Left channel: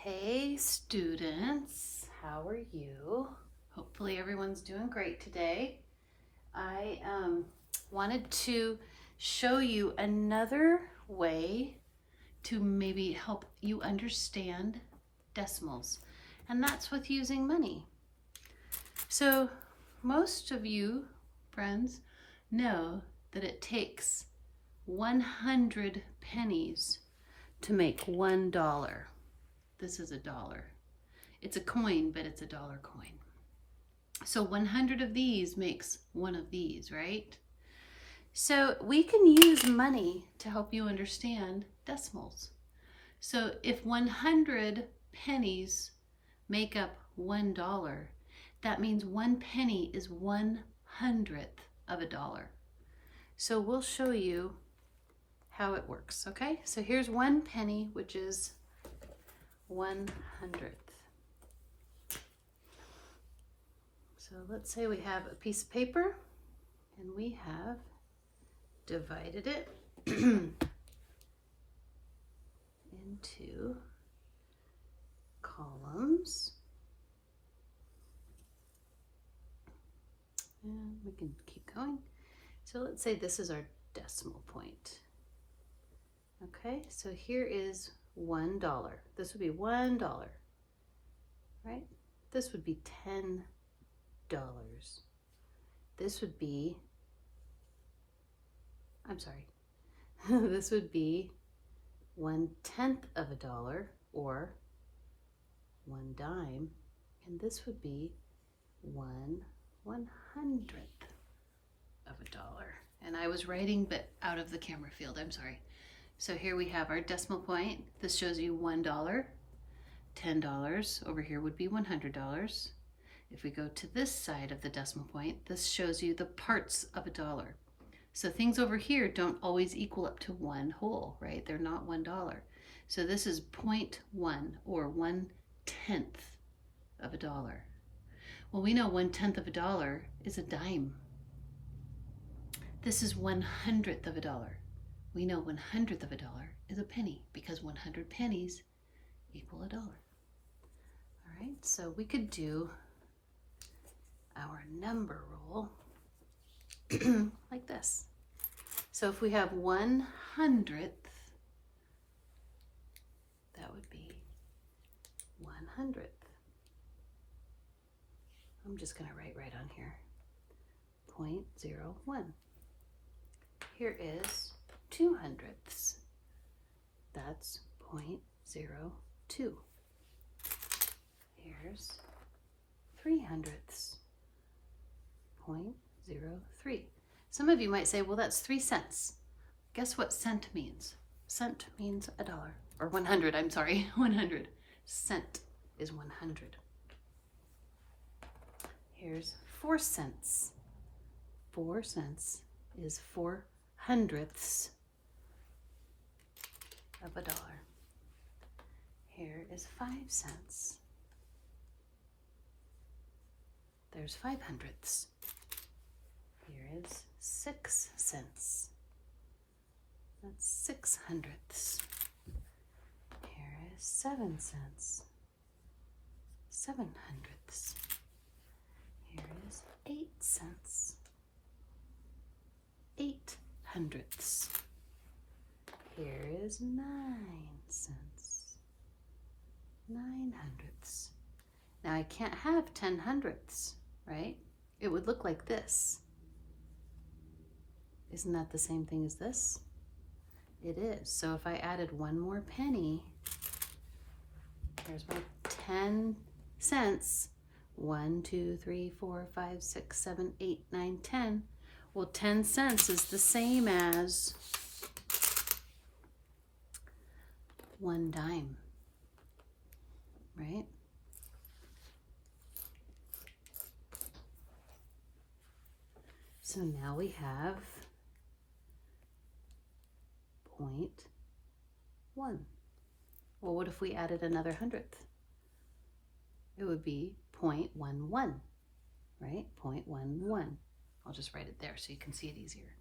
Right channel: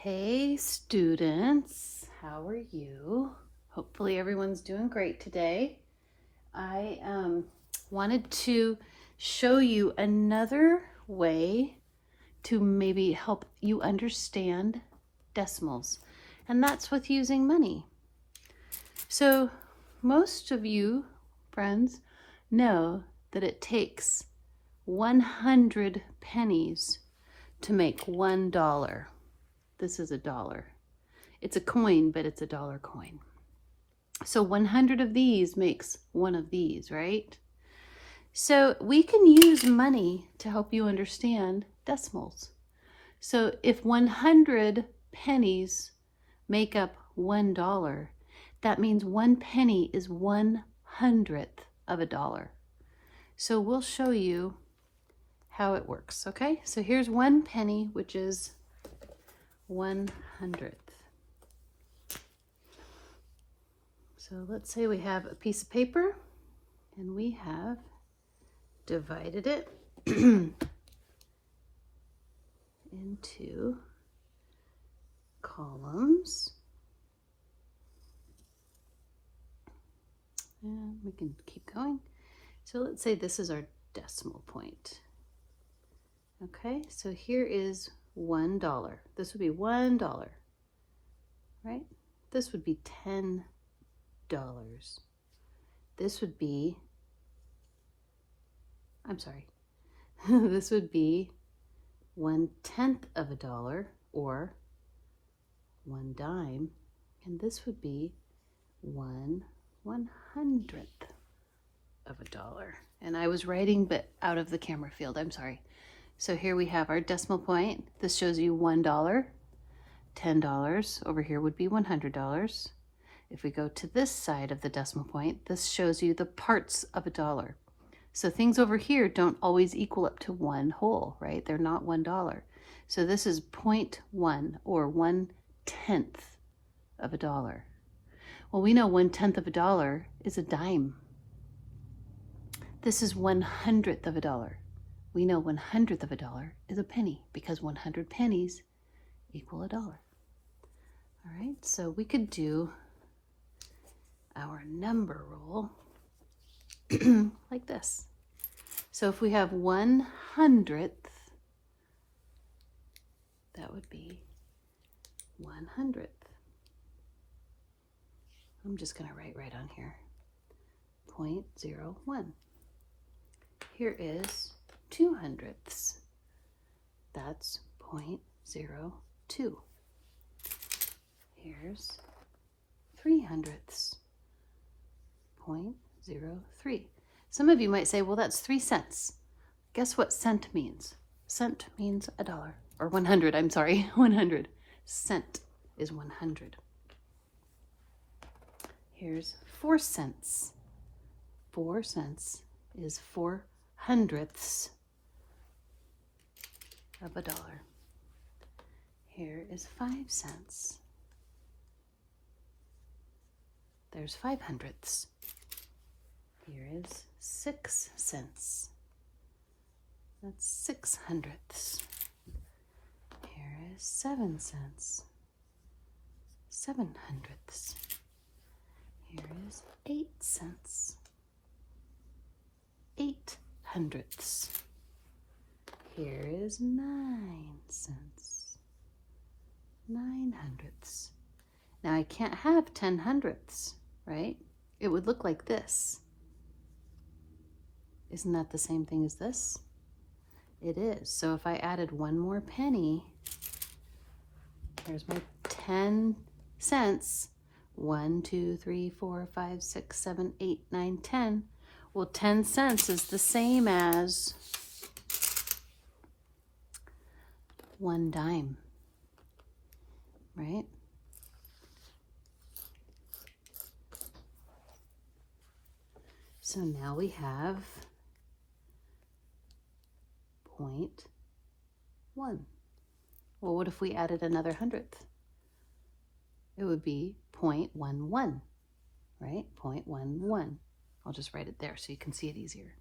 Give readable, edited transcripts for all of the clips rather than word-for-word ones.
Hey students, how are you? Hopefully everyone's doing great today. I wanted to show you another way to maybe help you understand decimals, and that's with using money. So most of you friends know that it takes 100 pennies to make $1. This is a dollar. It's a coin, but it's a dollar coin. So 100 of these makes one of these, right? So we can use money to help you understand decimals. So if 100 pennies make up $1, that means 1 penny is 1/100th of a dollar. So we'll show you how it works, okay? So here's 1 penny, which is 1/100th. So let's say we have a piece of paper and we have divided it into columns. And we can keep going. So let's say this is our decimal point. Okay, so here is $1. This would be $1, right? This would be $10. This would be, this would be 1/10 of a dollar, or 1 dime, and this would be 1/100th of a dollar. And I was writing but out of the camera field, I'm sorry. So here we have our decimal point. This shows you $1, $10. Over here would be $100. If we go to this side of the decimal point, this shows you the parts of a dollar. So things over here don't always equal up to one whole, right? They're not $1. So this is 0.1, or 1/10 of a dollar. Well, we know 1/10 of a dollar is a dime. This is 1/100th of a dollar. We know 1/100th of a dollar is a penny, because 100 pennies equal a dollar. All right, so we could do our number roll like this. So if we have 1/100th, that would be 1/100th. I'm just going to write right on here, 0.01. Here is 2/100ths. That's 0.02. Here's 3/100ths. 0.03. Some of you might say, well, that's 3 cents. Guess what cent means? Cent means a dollar, or 100, I'm sorry, 100. Cent is 100. Here's 4 cents. 4 cents is 4/100ths of a dollar. Here is 5 cents. There's 5/100ths. Here is 6 cents. That's 6/100ths. Here is 7 cents. 7/100ths. Here is 8 cents. 8/100ths. Here is 9 cents. 9/100ths. Now I can't have 10/100ths, right? It would look like this. Isn't that the same thing as this? It is. So if I added one more penny, here's my 10 cents. 1, 2, 3, 4, 5, 6, 7, 8, 9, 10. Well, 10 cents is the same as 1 dime, right? So now we have 0.1. Well, what if we added another 100th? It would be 0.11, right? 0.11. I'll just write it there so you can see it easier.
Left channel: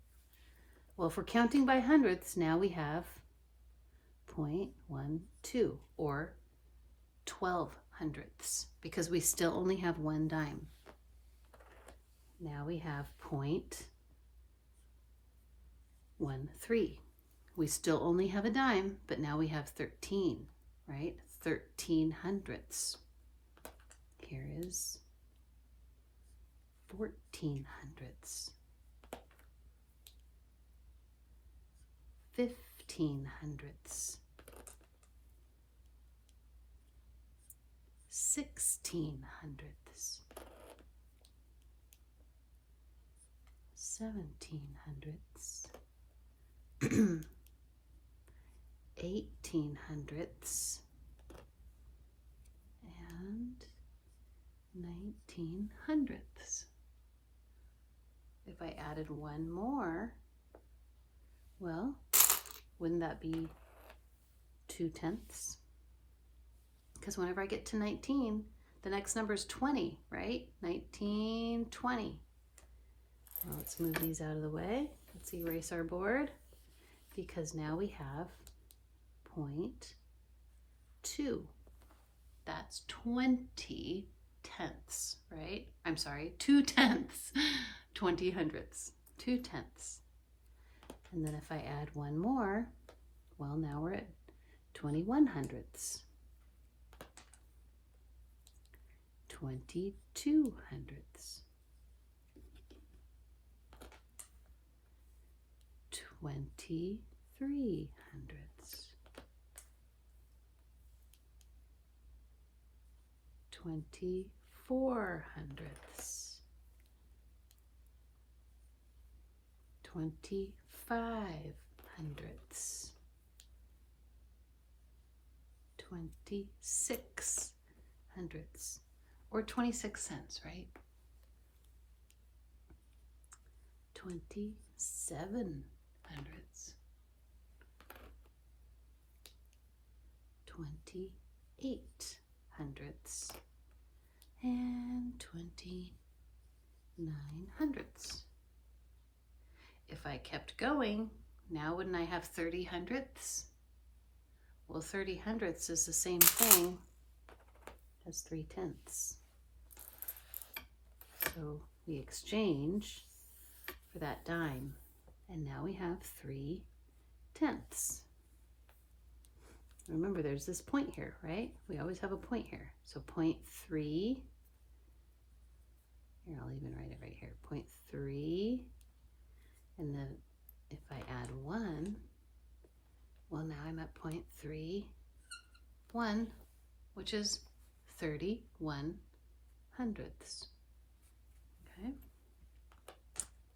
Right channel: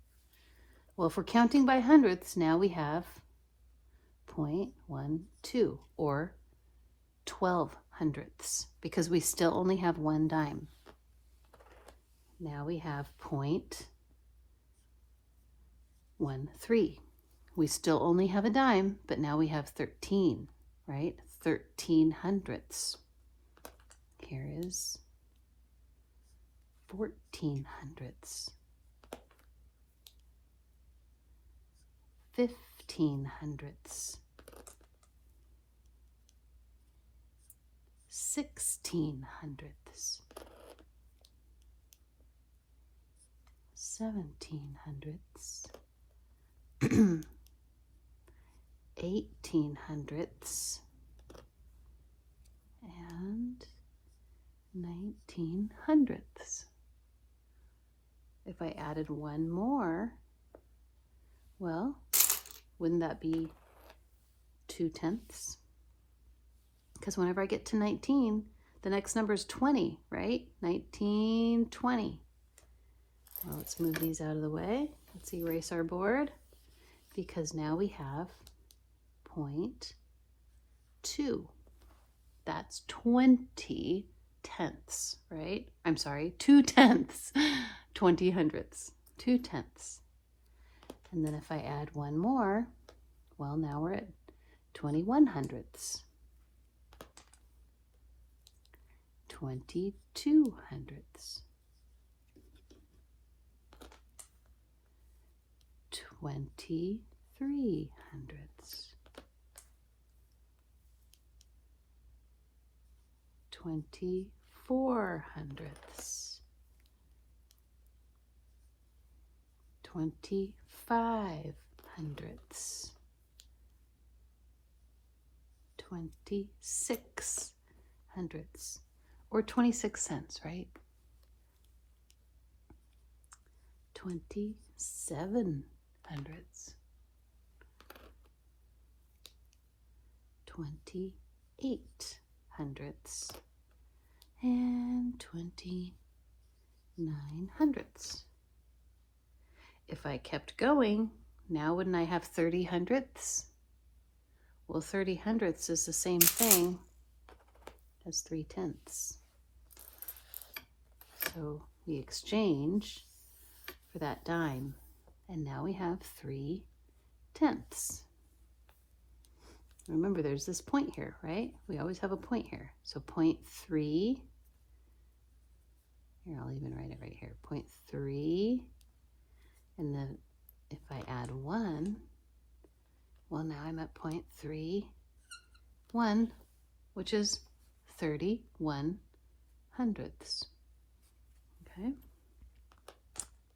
Well, if we're counting by hundredths, now we have 0.12, or 12 hundredths because we still only have one dime. Now we have 0.13. We still only have a dime, but now we have 13, right? 13 hundredths. Here is 14 hundredths. 15 hundredths. 16 hundredths. 17 hundredths. 18 hundredths. And 19 hundredths. If I added one more, well, wouldn't that be 2 tenths? Because whenever I get to 19, the next number is 20, right? 19, 20. Now let's move these out of the way. Let's erase our board because now we have 0.2. That's 20 tenths, right? I'm sorry, 2 tenths, 20 hundredths, 2 tenths. And then if I add one more, well, now we're at 21 hundredths, 22 hundredths, 23 hundredths, 24 hundredths, 25 hundredths, 26 hundredths, or 26 cents, right? 27 hundredths, 28 hundredths, and 29 hundredths. If I kept going, now wouldn't I have 30 hundredths? Well, 30 hundredths is the same thing as 3 tenths. So we exchange for that dime, and now we have 3 tenths. Remember, there's this point here, right? We always have a point here. So 0.3, here, I'll even write it right here, 0.3, and then if I add 1, well, now I'm at 0.31, which is 31 hundredths, okay?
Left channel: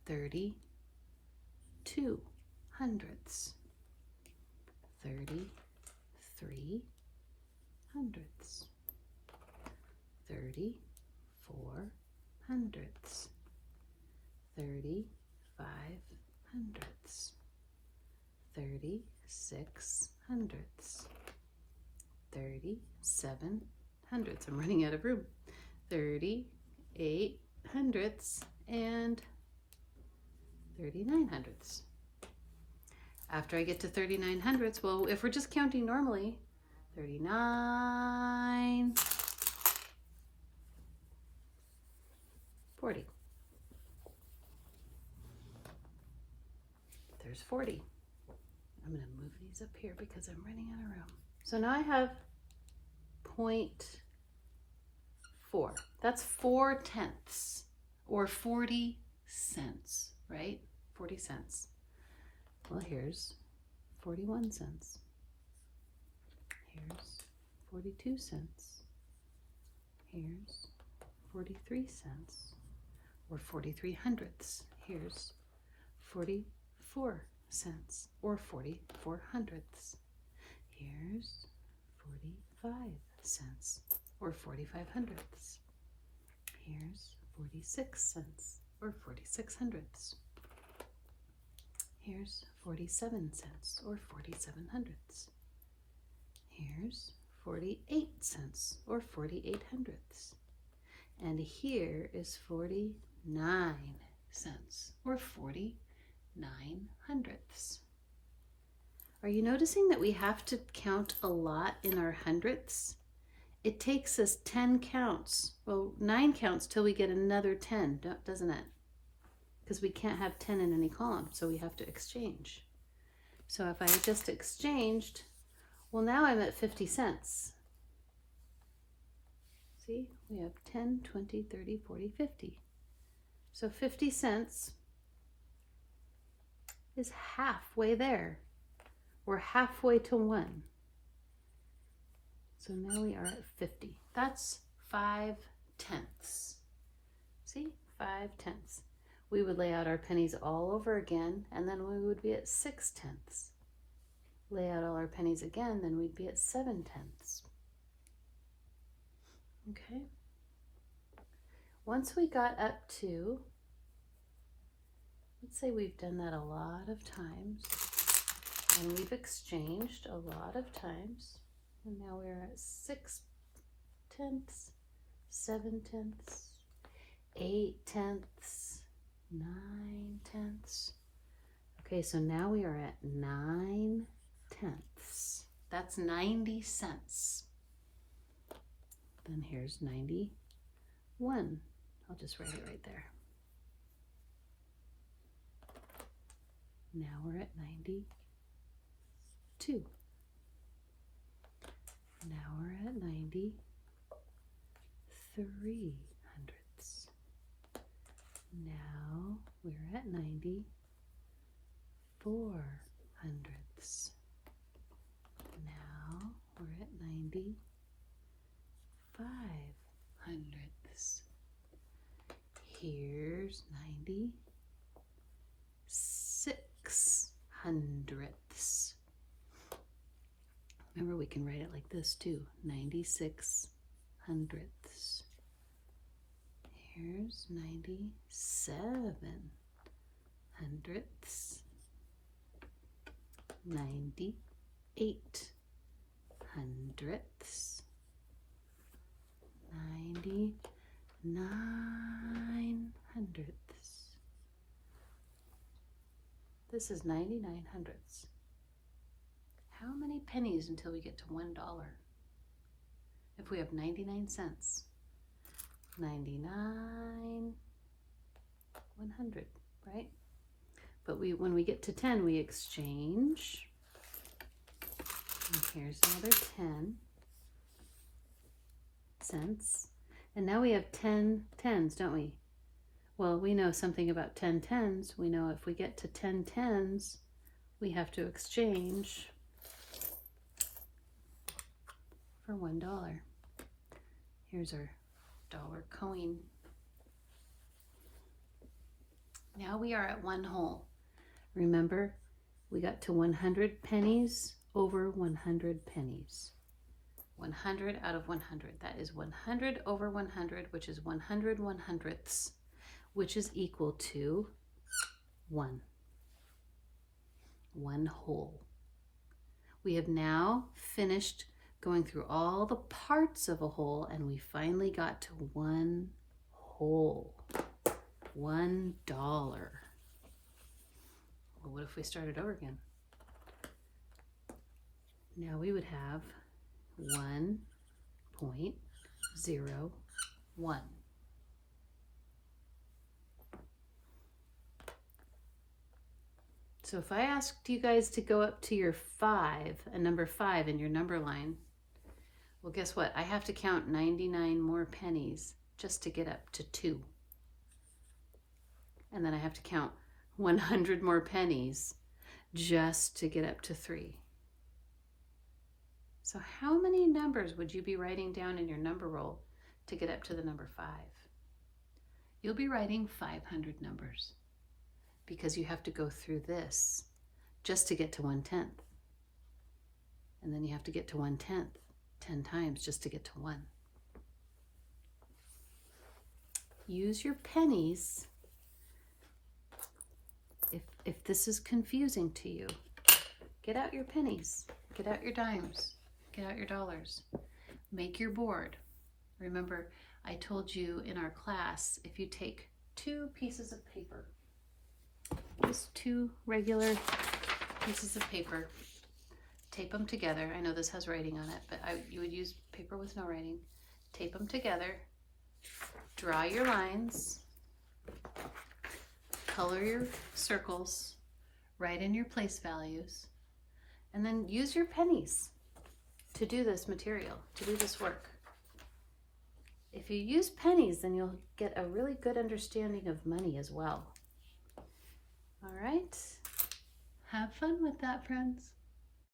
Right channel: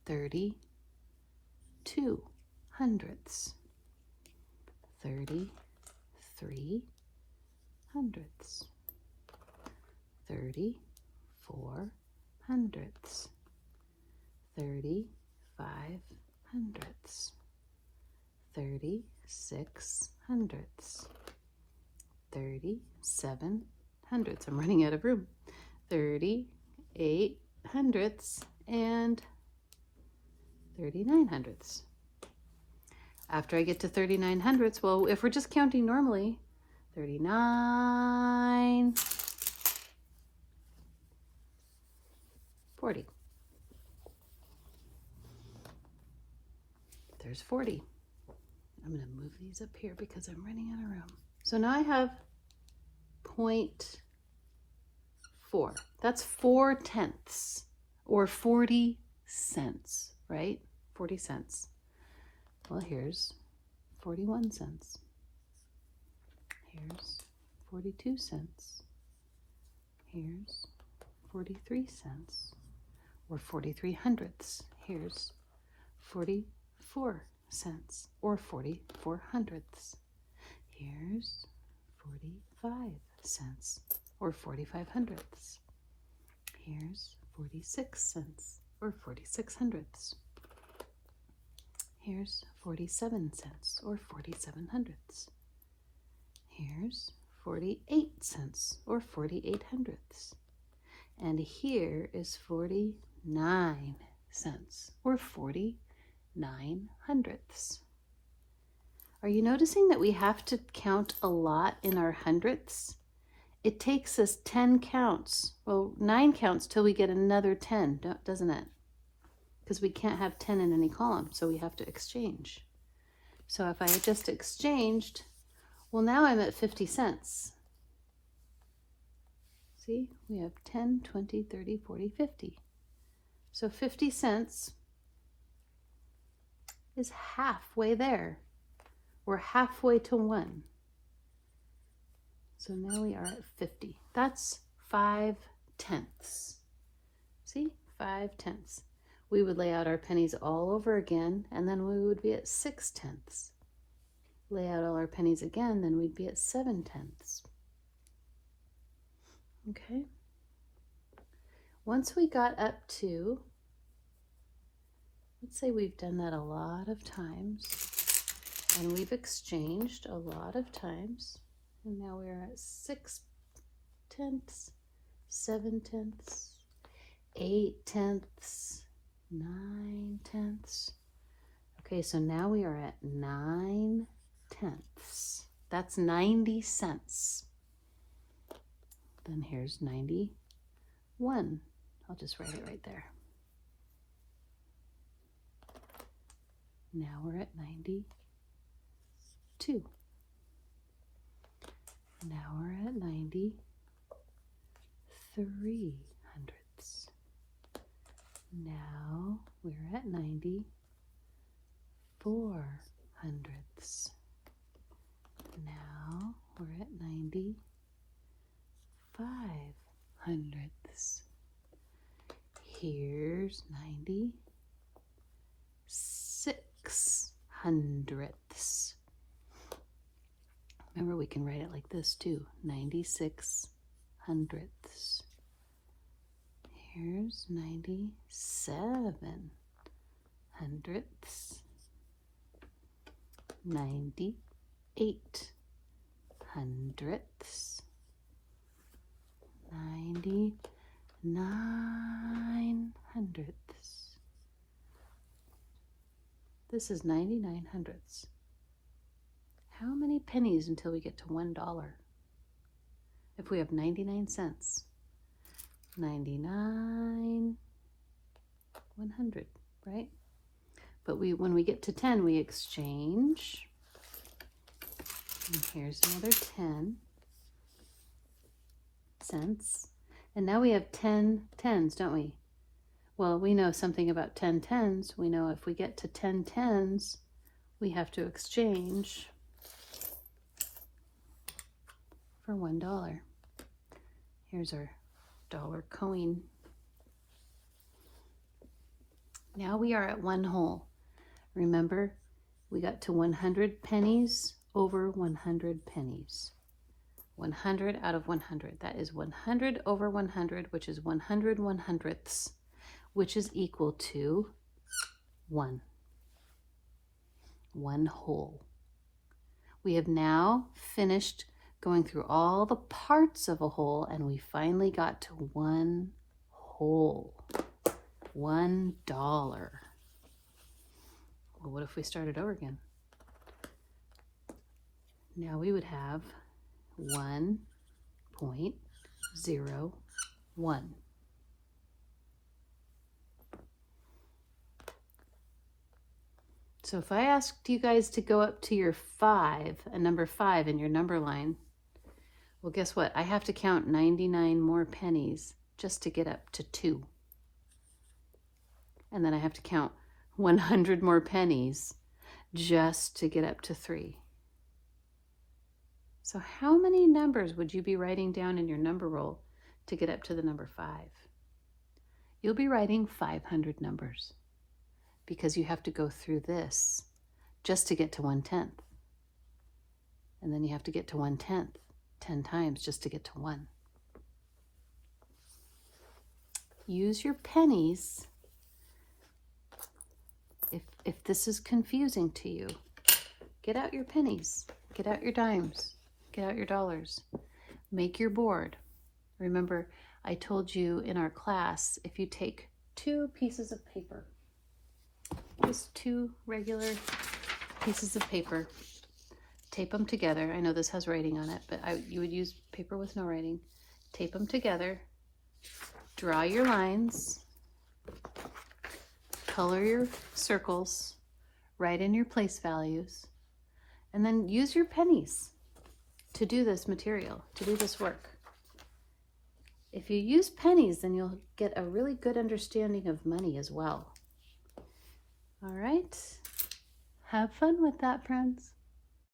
32 hundredths, 33 hundredths, 34 hundredths, 35 hundredths, 36 hundredths, 37 hundredths. I'm running out of room. 38 hundredths and 39 hundredths. After I get to 39 hundredths, well, if we're just counting normally, 39, 40. There's 40. I'm going to move these up here because I'm running out of room. So now I have 0.4. That's 4 tenths or 40 cents, right? 40 cents. Well, here's 41 cents. Here's 42 cents. Here's 43 cents or 43 hundredths. Here's 44 cents or 44 hundredths. Here's 45 cents or 45 hundredths. Here's 46 cents or 46 hundredths. Here's 47 cents or 47 hundredths. Here's 48 cents or 48 hundredths. And here is 49 cents or 49 hundredths. Are you noticing that we have to count a lot in our hundredths? it takes us 10 counts, well, 9 counts till we get another 10, doesn't it? Because we can't have 10 in any column, so we have to exchange. So if I just exchanged, well, now I'm at 50 cents. See, we have 10, 20, 30, 40, 50. So 50 cents is halfway there. We're halfway to 1. So now we are at 50. That's 5 tenths. See, 5 tenths. We would lay out our pennies all over again, and then we would be at 6 tenths. Lay out all our pennies again, then we'd be at 7 tenths. Okay. Once we got up to, let's say we've done that a lot of times, and we've exchanged a lot of times, and now we're at 6 tenths, 7 tenths, 8 tenths, 9 tenths. Okay, so now we are at 9 tenths. That's 90 cents. Then here's 91. I'll just write it right there. Now we're at 92. Now we're at 93 hundredths. Now we're at 94 hundredths. Now we're at 95 hundredths. Here's 96 hundredths. Remember, we can write it like this too, 96 hundredths. Here's 97 hundredths. 98 hundredths. 99 hundredths. This is 99 hundredths. How many pennies until we get to $1? If we have 99 cents. 99, 100, right? But when we get to 10, we exchange. And here's another 10 cents. And now we have 10 tens, don't we? Well, we know something about 10 tens. We know if we get to 10 tens, we have to exchange for $1. Here's our dollar coin. Now we are at 1 whole. Remember, we got to 100 pennies over 100 pennies. 100 out of 100. That is 100 over 100, which is 100 100ths, which is equal to 1. 1 whole. We have now finished going through all the parts of a whole, and we finally got to 1 whole. $1. Well, what if we started over again? Now we would have 1.01. So if I asked you guys to go up to your 5, a number 5 in your number line, well, guess what? I have to count 99 more pennies just to get up to 2. And then I have to count 100 more pennies just to get up to 3. So how many numbers would you be writing down in your number roll to get up to the number 5? You'll be writing 500 numbers because you have to go through this just to get to 1/10. And then you have to get to 1/10 10 times just to get to 1. Use your pennies. If this is confusing to you, get out your pennies, get out your dimes, get out your dollars, make your board. Remember, I told you in our class, if you take 2 pieces of paper, just 2 regular pieces of paper, tape them together. I know this has writing on it, but you would use paper with no writing. Tape them together, draw your lines, color your circles, write in your place values, and then use your pennies to do this material, to do this work. If you use pennies, then you'll get a really good understanding of money as well. All right, have fun with that, friends.